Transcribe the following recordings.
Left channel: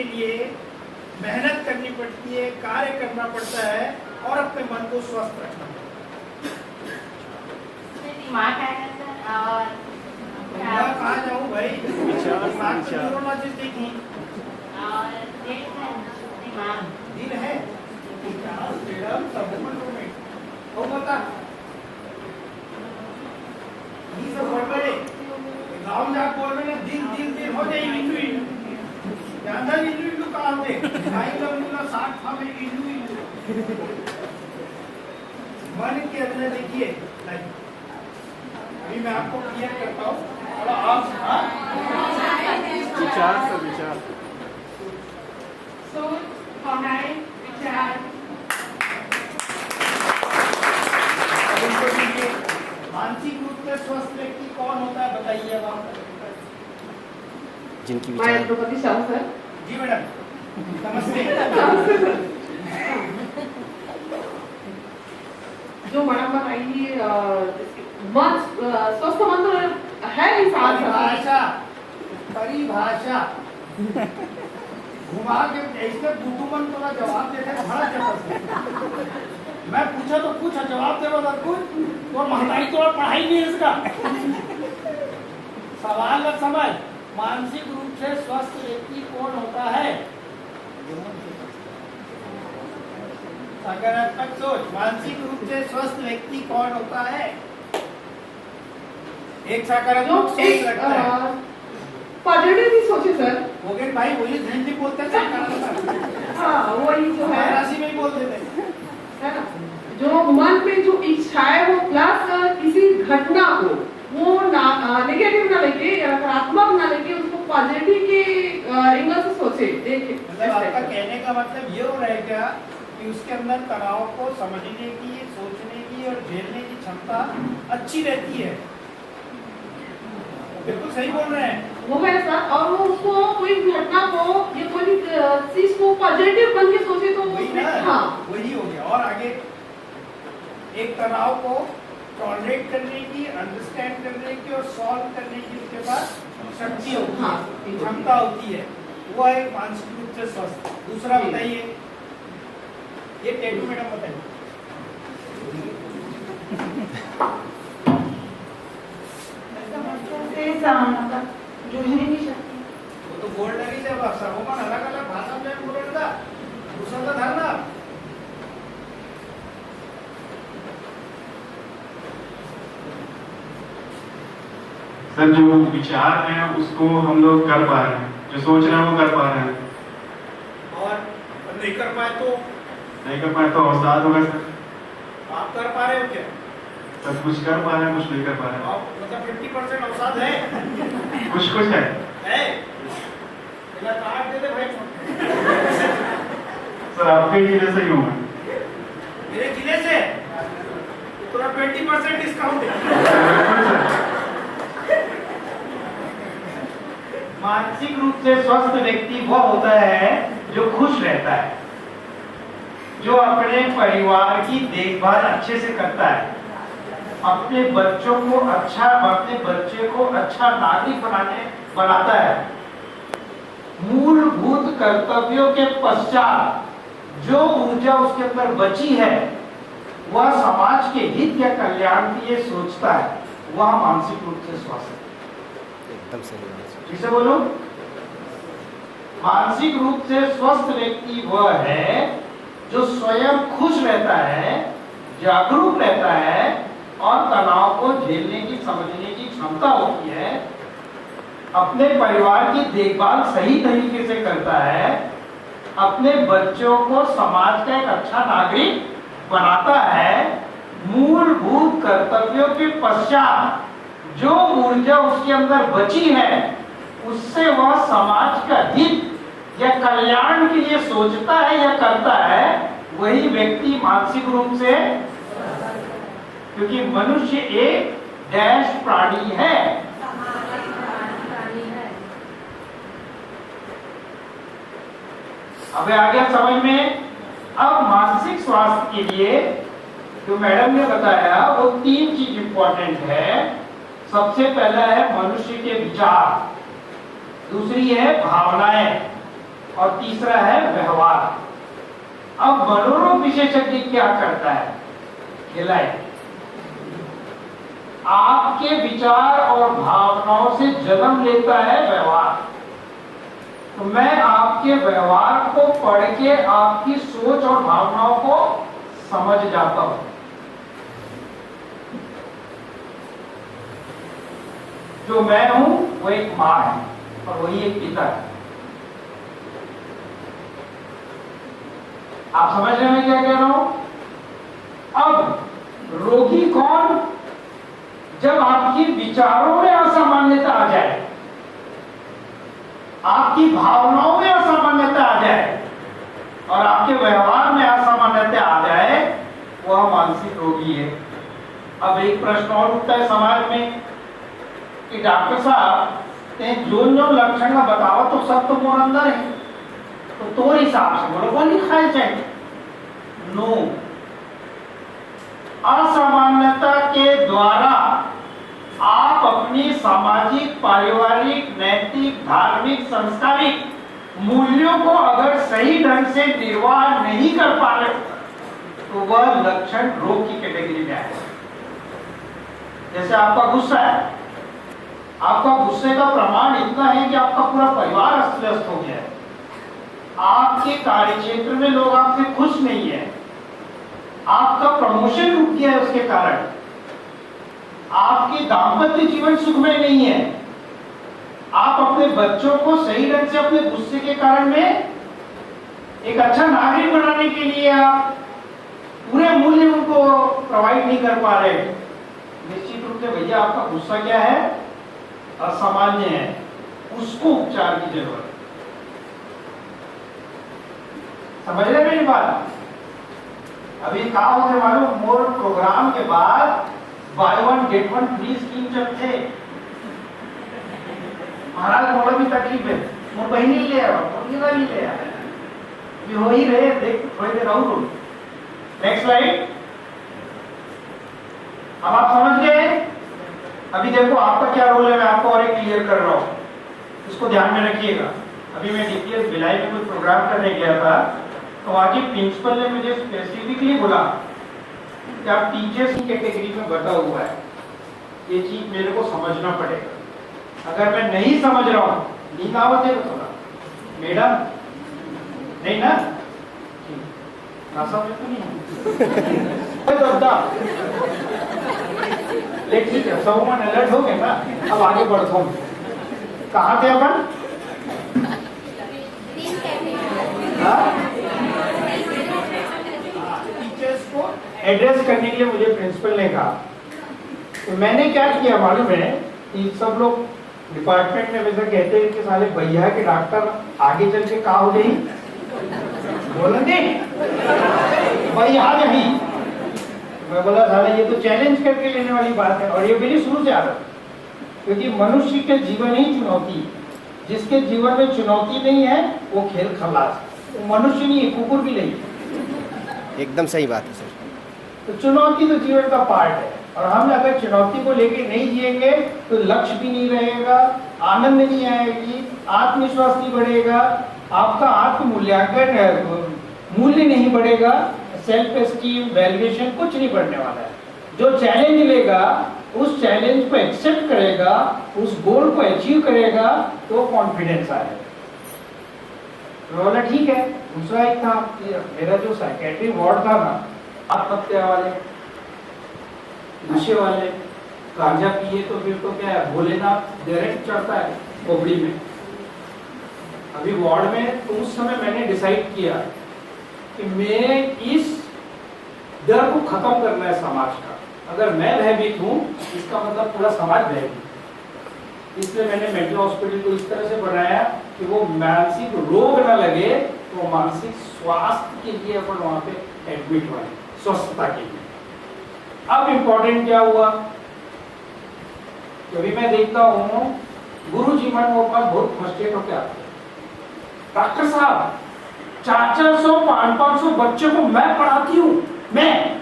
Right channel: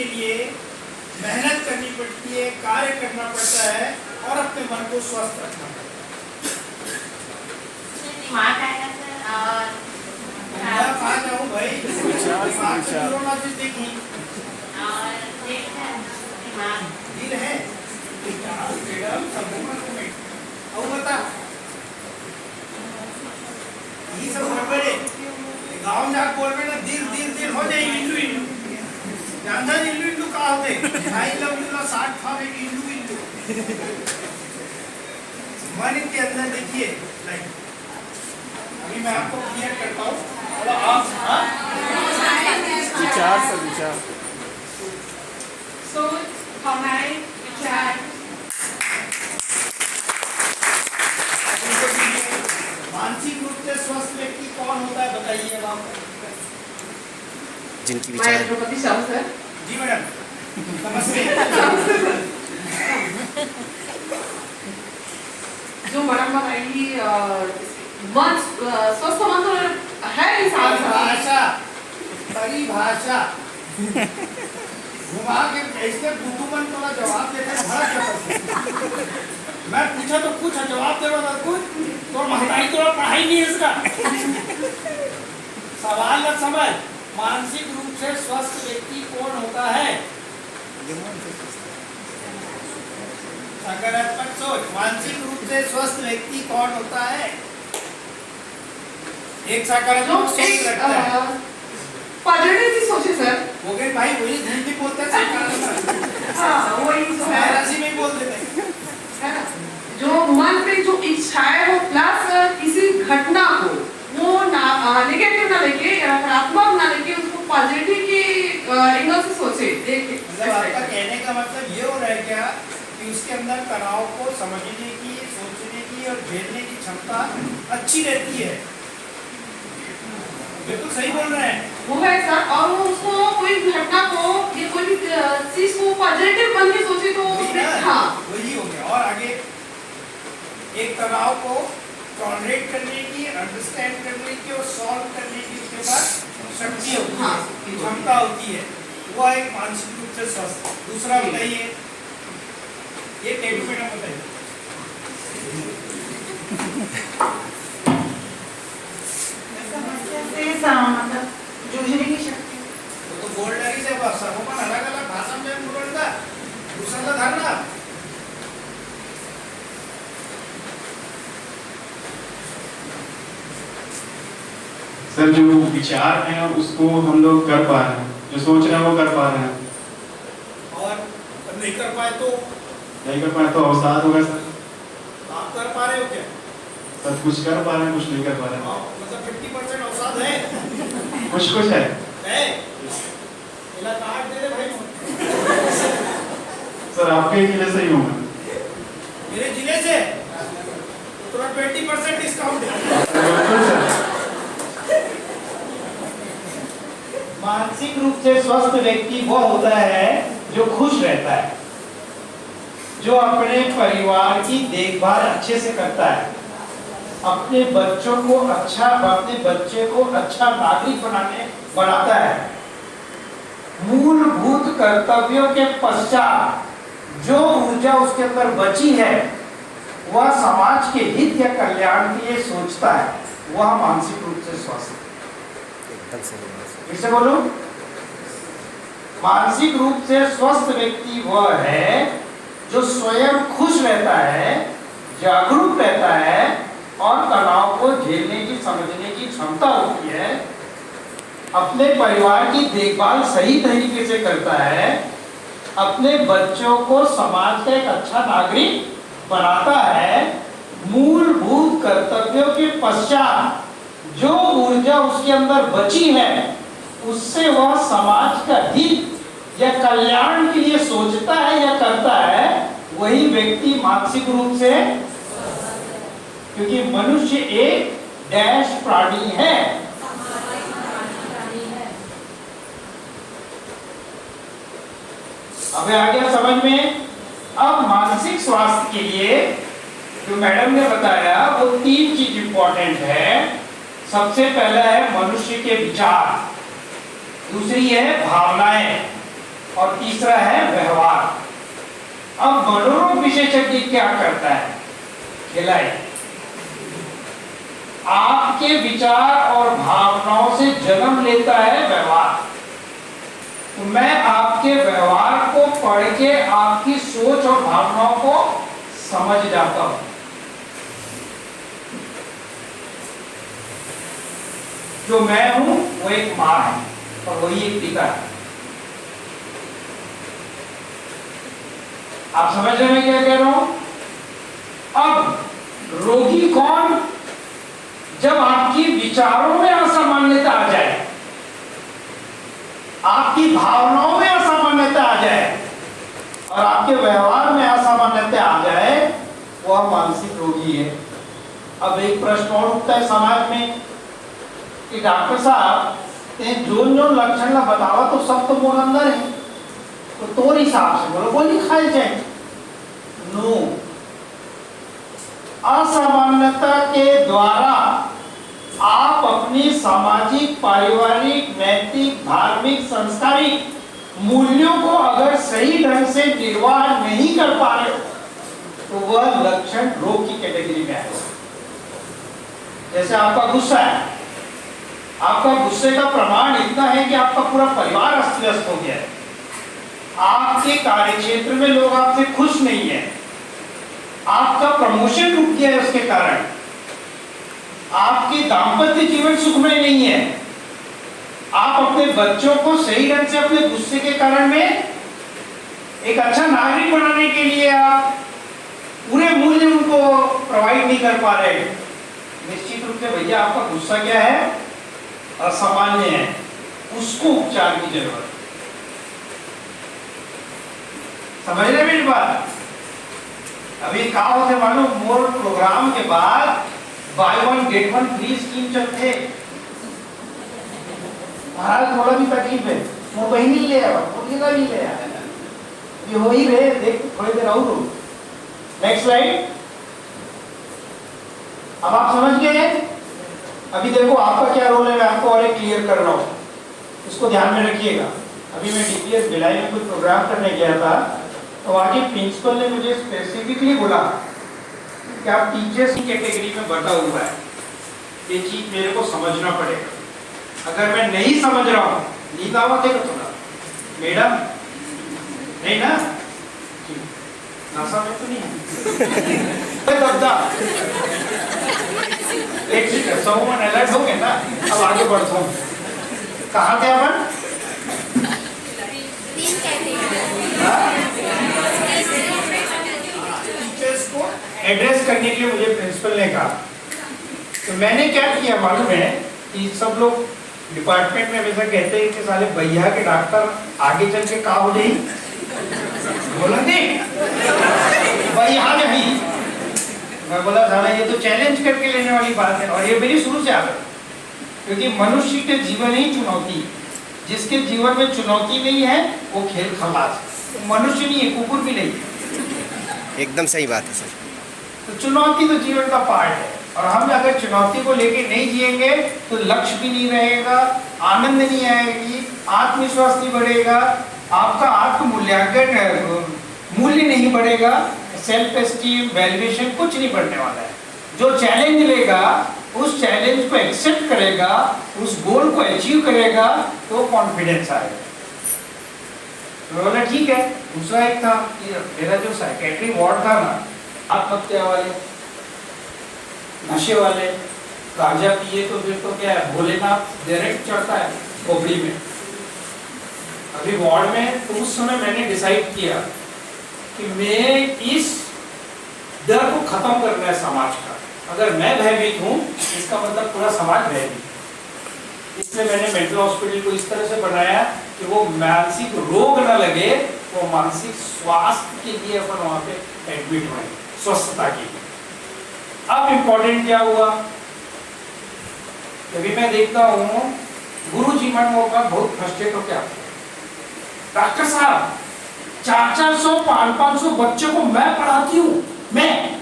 के लिए मेहनत करनी पड़ती है, कार्य करना पड़ता है और अपने मन को स्वस्थ रखना पड़ता है। दिमाग आएगा सर और मैं कहाँ जाऊँ भाई, दिमाग से न्यूरोलॉजिस्ट देखी और दिल है, दिमाग दिल है फ्रीडम सब मूवमेंट और बता ये सब गड़बड़े गाँव में जाकर बोल रहे ना दिल दिल दिल हो जाए इंडू इंडू जानता है इंडू इंडू कहाँ होते आई लव यू ना 60 था में इंडू इंडू मन के अंदर देखिए लाइक अभी मैं आपको क्लियर करता हूँ और आप विचार से विचार सोच, भावनाएं, विचार। मानसिक रूप से स्वस्थ व्यक्ति कौन होता है बताइए अब आप। जिनकी मैं विचार द्रौपदी साहू सर। जी मैडम नमस्ते। जो मैडम बताएंगी मन स्वस्थ मन तो है इंसान का। परिभाषा घुमा के ऐसे बुद्धूमन को जवाब देकर भड़क जाता। मैं पूछा तो कुछ जवाब दे रहा कुछ तो महंगाई तो पढ़ाई नहीं है इसका सवाल का समझ। मानसिक रूप से स्वस्थ व्यक्ति कौन होता है? सकारात्मक सोच। मानसिक रूप से स्वस्थ व्यक्ति कौन होता है? एक सकारात्मक सोच रखता है। पॉजिटिव सोचे सर। हो गए भाई वही हिंदी बोलते हैं सकारात्मक। हाँ वही जो है मराठी में ही बोल देते हैं है ना? जो मन में जो इच्छा है वो प्लस किसी घटना को वो नेगेटिव ना लेके या नकारात्मक ना लेके उसको पॉजिटिव की एंगल से सोचे देखे। मतलब आपका कहने का मतलब ये हो रहा है क्या कि उसके अंदर तनाव को समझने की, सोचने की और झेलने की क्षमता अच्छी रहती है। बिल्कुल सही बोल रहे हैं वो है सर। और वो उसको कोई घटना को या कोई भी चीज को पॉजिटिव बन के सोचे तो हाँ वही हो गया। और आगे एक तनाव को टॉलरेट करने की, अंडरस्टैंड करने की और सॉल्व करने की उसके पास शक्ति होती है, क्षमता होती है। वो है मानसिक रूप से स्वस्थ। दूसरा बताइए, ये टेबी मैडम बताइए। मतलब जूझने की शक्ति। वो तो बोल रही जब सबों अलग अलग भाषा में बोलता दूसरा का धरना। सर जो विचार है उसको हम लोग कर पा रहे हैं, जो सोच रहे हैं वो कर पा रहे हैं, और नहीं कर पाए तो नहीं कर पाए तो अवसाद होगा सर। आप कर पा रहे हो क्या? सर कुछ कर पा रहे हैं, कुछ नहीं कर पा रहे हैं। आप मतलब 50% अवसाद है? कुछ कुछ है है? इला कार्ड दे दे भाई। सर आपके जिले से ही हूँ मैं। मेरे जिले से थोड़ा 20% डिस्काउंट है। बिल्कुल सर। मानसिक रूप से स्वस्थ व्यक्ति वो होता है जो खुश रहता है, जो अपने परिवार की देखभाल अच्छे से करता है, अपने बच्चों को अपने बच्चे को अच्छा नागरिक बनाता है, मूलभूत कर्तव्यों के पश्चात जो ऊर्जा उसके अंदर बची है वह समाज के हित या कल्याण के लिए सोचता है, वह मानसिक रूप से स्वस्थ है। एकदम सही बात। फिर से बोलो, मानसिक रूप से स्वस्थ व्यक्ति वह है जो स्वयं खुश रहता है, जागरूक रहता है और तनाव को झेलने की, समझने की क्षमता होती है, अपने परिवार की देखभाल सही तरीके से करता है, अपने बच्चों को समाज का एक अच्छा नागरिक बनाता है, मूलभूत कर्तव्यों के पश्चात जो ऊर्जा उसके अंदर बची है उससे वह समाज का हित या कल्याण के लिए सोचता है या करता है, वही व्यक्ति मानसिक रूप से, क्योंकि मनुष्य एक डैश प्राणी है। अब आ गया समझ में। अब मानसिक स्वास्थ्य के लिए जो मैडम ने बताया वो 3 चीज इंपॉर्टेंट है। सबसे पहला है मनुष्य के विचार, दूसरी है भावनाएं और तीसरा है व्यवहार। अब मनोरोग विशेषज्ञ क्या करता है, खिलाए आपके विचार और भावनाओं से जन्म लेता है व्यवहार। तो मैं आपके व्यवहार को पढ़ के आपकी सोच और भावनाओं को समझ जाता हूं। जो मैं हूं वो एक मां है और वही एक पिता है। आप समझ रहे हैं क्या कह रहा हूं? अब रोगी कौन? जब आपकी विचारों में असामान्यता आ जाए, आपकी भावनाओं में असामान्यता आ जाए और आपके व्यवहार में असामान्यता आ जाए, वह मानसिक रोगी है। अब एक प्रश्न और उठता है समाज में कि डॉक्टर साहब जो लक्षण ना बताओ तो सब तो मोर अंदर है, तो तोर हिसाब से बोलो गोली खाई जाए। नो, असामान्यता के द्वारा आप अपनी सामाजिक, पारिवारिक, नैतिक, धार्मिक, सांस्कृतिक मूल्यों को अगर सही ढंग से निर्वाह नहीं कर पा रहे तो वह लक्षण रोग की कैटेगरी में आएगा। जैसे आपका गुस्सा है, आपका गुस्से का प्रमाण इतना है कि आपका पूरा परिवार अस्त व्यस्त हो गया है, आपके कार्यक्षेत्र में लोग आपसे खुश नहीं है, आपका प्रमोशन रुक गया है, उसके कारण आपके दाम्पत्य जीवन सुखमय नहीं है, आप अपने बच्चों को सही ढंग से अपने गुस्से के कारण में एक अच्छा नागरिक बनाने के लिए आप पूरे मूल्य उनको प्रोवाइड नहीं कर पा रहे। निश्चित रूप से भैया आपका गुस्सा क्या है, असामान्य है, उसको उपचार की जरूरत है। समझ रहे मेरी बात? अभी कहा होते मालूम, मोर प्रोग्राम के बाद by one get one free scheme चलते। महाराज थोड़ा भी तकलीफ है, वो कहीं नहीं ले आया, वो नहीं ले आया, ये हो ही रहे, देख थोड़ी देर और। Next slide. अब आप समझ गए? अभी देखो आपका क्या रोल है, मैं आपको और एक क्लियर कर रहा हूँ, इसको ध्यान में रखिएगा। अभी मैं डीपीएस भिलाई में कुछ प्रोग्राम करने गया था, तो आगे प्रिंसिपल ने मुझे स्पेसिफिकली बोला कि आप टीचर्स की कैटेगरी में बटा हुआ है, ये चीज मेरे को समझना पड़ेगा। अगर मैं नहीं समझ रहा हूँ, नींद आवत है थोड़ा मैडम, नहीं ना, नासा में तो नहीं है ये ठीक है, सब मन अलर्ट हो गए ना। अब आगे बढ़ता हूँ, कहाँ थे अपन? टीचर्स को एड्रेस करने के लिए मुझे प्रिंसिपल ने कहा, तो मैंने क्या किया मालूम है कि सब लोग डिपार्टमेंट में हमेशा कहते हैं कि साले भैया के डॉक्टर आगे चल के का हो जाए, बोला नहीं भैया नहीं। मैं बोला साला ये तो चैलेंज करके लेने वाली बात है, और ये मेरी शुरू से आदत, क्योंकि मनुष्य के जीवन ही चुनौती, जिसके जीवन में चुनौती नहीं है वो खेल खलास, तो मनुष्य नहीं है, कुकुर भी नहीं है। एकदम सही बात है सर। तो चुनौती तो जीवन का पार्ट है, और हम अगर चुनौती को लेके नहीं जिएंगे तो लक्ष्य भी नहीं रहेगा, आनंद नहीं आएगी, आत्मविश्वास नहीं बढ़ेगा, आपका आत्ममूल्यांकन मूल्य नहीं बढ़ेगा, सेल्फ एस्टीम, वैल्यूएशन कुछ नहीं बढ़ने वाला है। जो चैलेंज लेगा, उस चैलेंज को एक्सेप्ट करेगा, उस गोल को अचीव करेगा, तो कॉन्फिडेंस आएगा। तो बोला ठीक है। दूसरा एक था, मेरा जो साइकेट्री वार्ड था ना, आत्महत्या वाले, नशे वाले, गांजा पिए तो फिर तो क्या है, भोलेनाथ डायरेक्ट चढ़ता है खोपड़ी में। अभी वार्ड में तो उस समय मैंने डिसाइड किया कि मैं इस डर को खत्म करना है समाज का। अगर मैं भयभीत हूँ, इसका मतलब पूरा समाज भयभीत। इसलिए मैंने मेंटल हॉस्पिटल को इस तरह से बनाया कि वो मानसिक रोग न लगे, वो मानसिक स्वास्थ्य के लिए अपन वहाँ पे एडमिट हुए, स्वस्थता के लिए। अब इम्पोर्टेंट क्या हुआ, क्योंकि मैं देखता हूँ गुरु जी मन वो बहुत फ्रस्ट्रेट होकर आते हैं, डॉक्टर साहब 400 500 बच्चों को मैं पढ़ाती हूँ, मैं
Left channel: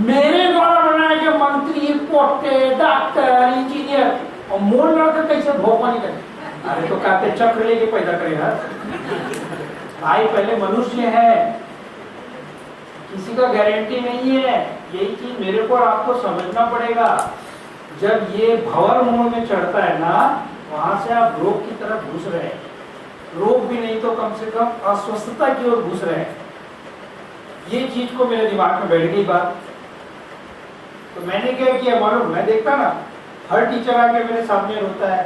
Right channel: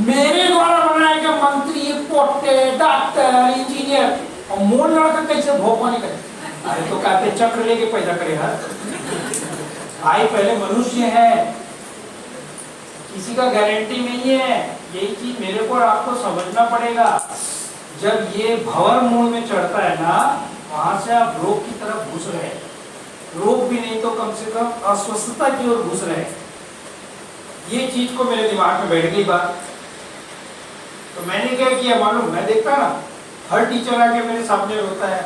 मेरे द्वारा बनाए गए मंत्री, पोटे, डॉक्टर, इंजीनियर, और मोल लड़का कैसे भोपाल करे। अरे तो कहते चक्र लेके पैदा करेगा। भाई पहले मनुष्य है, किसी का गारंटी नहीं है। यही चीज मेरे को और आपको समझना पड़ेगा। जब ये भंवर मूड में चढ़ता है ना, वहां से आप रोग की तरफ घुस रहे हैं। रोग भी नहीं तो कम से कम अस्वस्थता की ओर घुस रहे हैं। ये चीज को मेरे दिमाग में बैठ गई बात। तो मैंने क्या किया मालूम, मैं देखता ना हर टीचर आके मेरे सामने रोता है,